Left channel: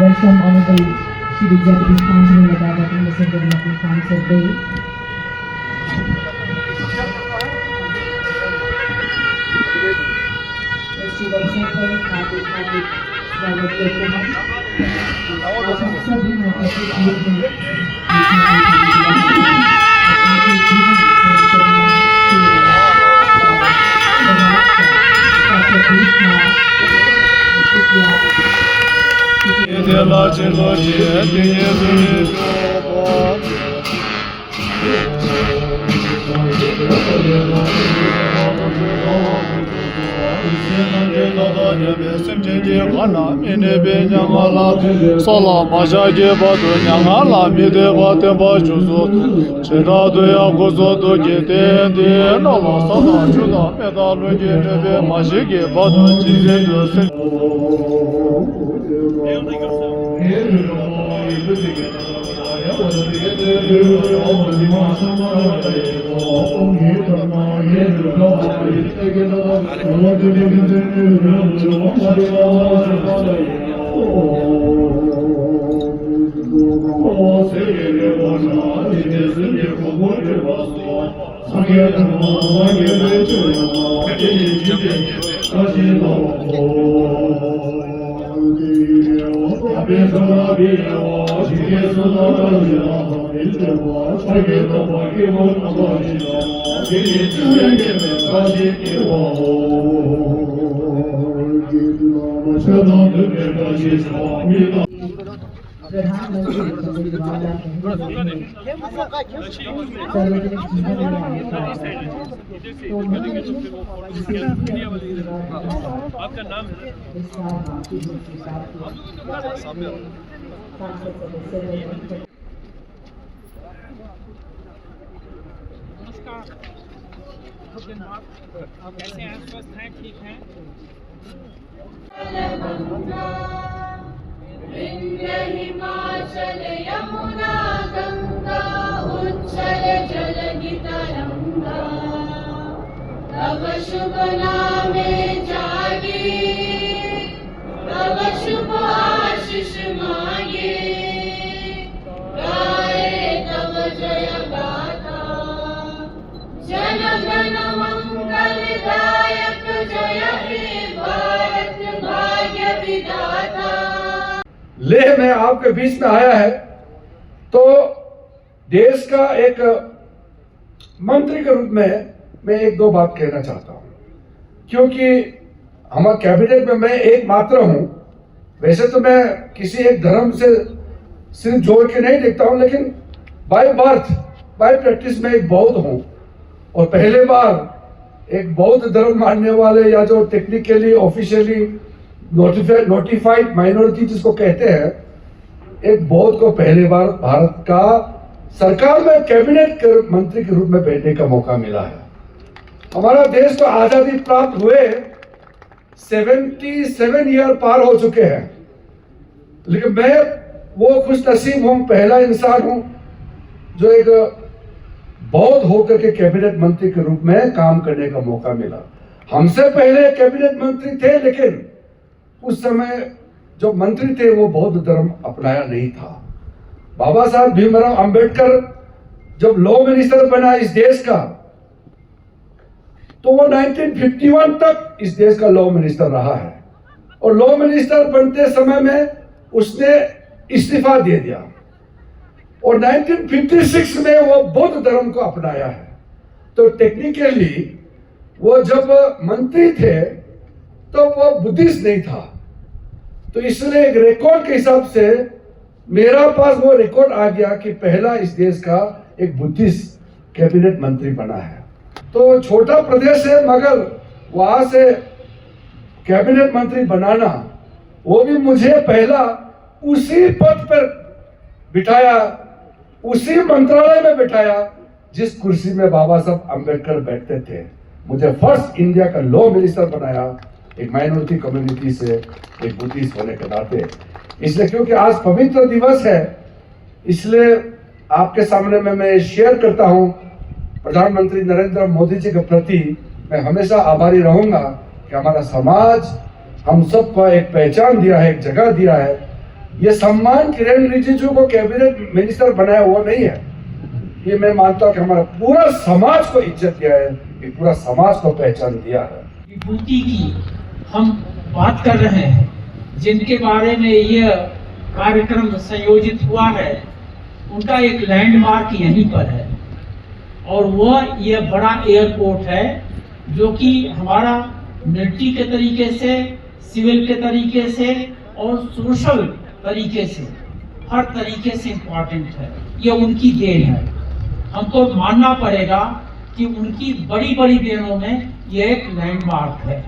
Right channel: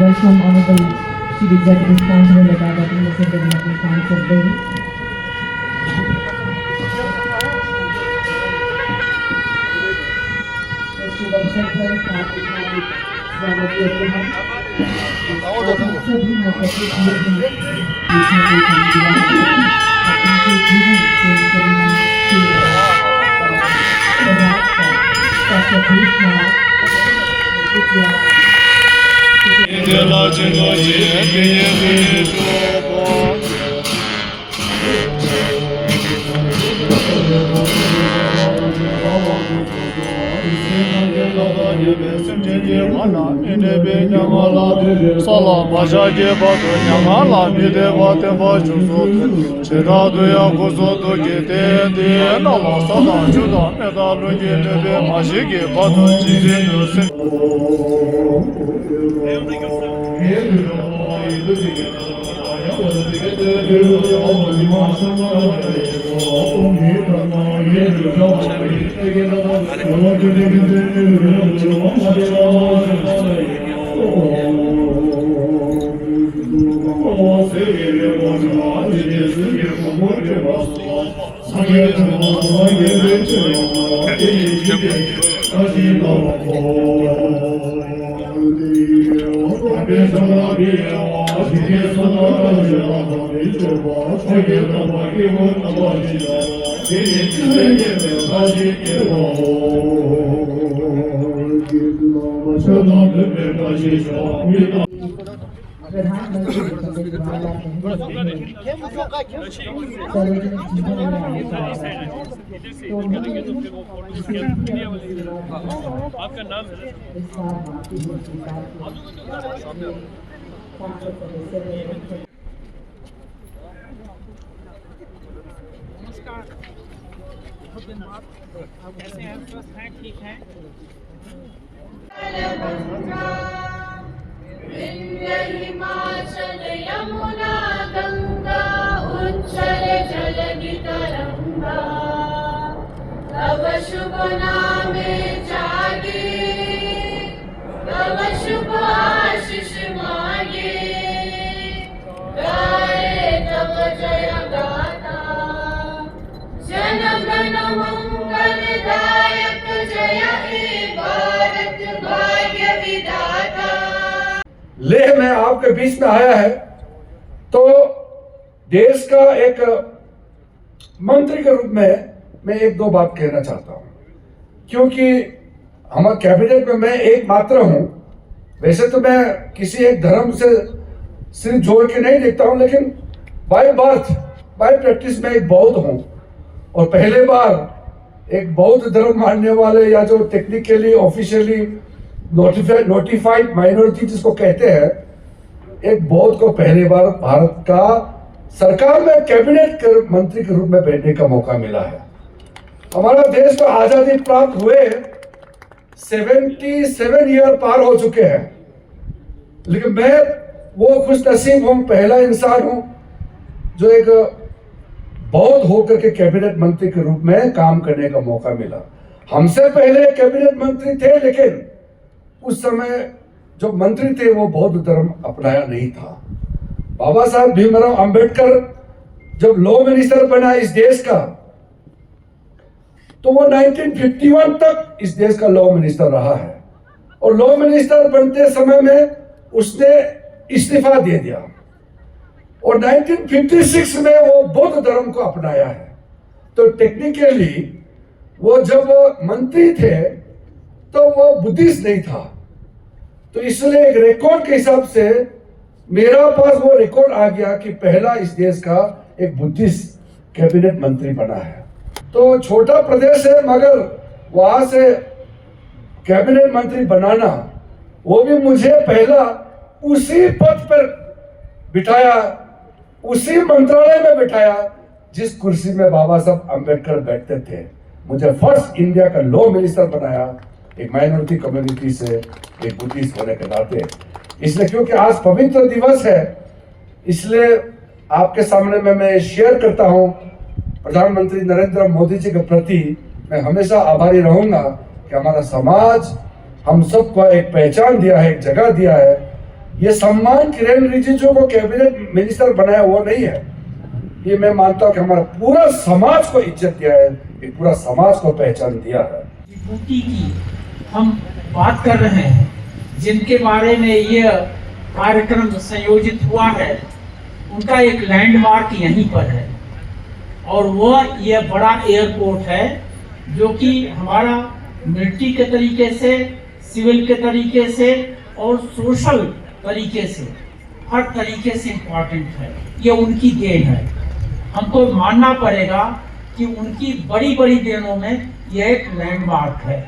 Welcome Honorable Chief Executive Council of Diabetes International Council Day. प्रधानमंत्री पंडित जवाहरलाल नेहरू सार्वजनिक जीवन में आपका नाम है नमस्कार, आप कैसे हैं? स्वस्थ हैं? ठीक हैं? हिमाचल यमुना गंगा उच्चल जलधि तरंगा तव शुभ नामे जागे तव शुभ आशीष मांगे गाए तव जय गाथा जन गण मंगलदायक जय हे भारत भाग्य विधाता। लेह में आपके बीच में आया है तो देश का एक मंत्री के रूप में मैं एक दो बात कहना चाहता हूं, क्योंकि हमारे कैबिनेट में मैं एक मात्र हूं। वैसे तो मैं किसी एक धर्म से सिर्फ जोड़ के नहीं देखता हूं, लेकिन बाय बर्थ बाय प्रैक्टिस में एक बौद्ध हूं और पहले बार एक बौद्ध धर्म मानने वाले या जो टेक्निकली ऑफिशियली नोटिफाइड माइनॉरिटी जिसको कहते हैं, एक बौद्ध को पहली बार भारत का सरकार में कैबिनेट मंत्री के रूप में बैठने का मौका मिला है। हमारा देश को आजादी प्राप्त हुए 77 ईयर पार हो चुके हैं, लेकिन मैं वो खुश नसीब हूं, पहला इंसान हूं जो एक बौद्ध होकर के कैबिनेट मंत्री के रूप में काम करने का मौका मिला। हमसे पहले कैबिनेट मंत्री थे, लेकिन उस समय जो मंत्री थे वो बौद्ध धर्म अपनाया नहीं था। बाबा साहब भीमराव अंबेडकर जब लॉ मिनिस्टर बना इस देश का, तो वो 1951 तक इस देश का लॉ मिनिस्टर रहा है और लॉ मिनिस्टर बनते समय में उसने इस्तीफा दे दिया और 1956 में वो बौद्ध धर्म को अपनाया है। तो टेक्निकली वो जब मंत्री थे तो वो बुद्धिस्ट नहीं था, तो इसलिए एक रिकॉर्ड के हिसाब से मेरा पास वो रिकॉर्ड आ गया कि पहला इस देश का एक बुद्धिस्ट कैबिनेट मंत्री बना है। तो छोटा प्रदेश है, मगर वहां से कैबिनेट मंत्री बनाना, वो भी मुझे पहला उसी पद पर बिठाया उसी मंत्रालय में बिठाया जिस कुर्सी में बाबा साहब अम्बेडकर बैठते थे। मुझे फर्स्ट इंडिया का लॉ मिनिस्टर बनाया, एक माइनॉरिटी कम्युनिटी से, एक बुद्धिस्ट होने के नाते। इसलिए क्योंकि आज पवित्र दिवस है, इसलिए आपके सामने में मैं शेयर करता हूं। प्रधानमंत्री नरेंद्र मोदी जी के प्रति मैं हमेशा आभारी रहूंगा कि हमारा समाज हम सबको एक पहचान दिया है, एक जगह दिया है। ये सम्मान किरण रिजिजू को कैबिनेट मिनिस्टर बनाया वो नहीं है, ये मैं मानता हूं कि हमारा पूरा समाज को इज्जत दिया है, एक पूरा समाज को पहचान दिया है। विभूति की हम बात कर रहे हैं, जिनके बारे में यह कार्यक्रम संयोजित हुआ है, उनका एक लैंडमार्क यहीं पर है और वह यह बड़ा एयरपोर्ट है जो कि हमारा मिलिट्री के तरीके से, सिविल के तरीके से और सोशल तरीके से, हर तरीके से इम्पोर्टेंट है। ये उनकी देन है, हमको मानना पड़ेगा कि उनकी बड़ी बड़ी देनों में यह एक लैंडमार्क है।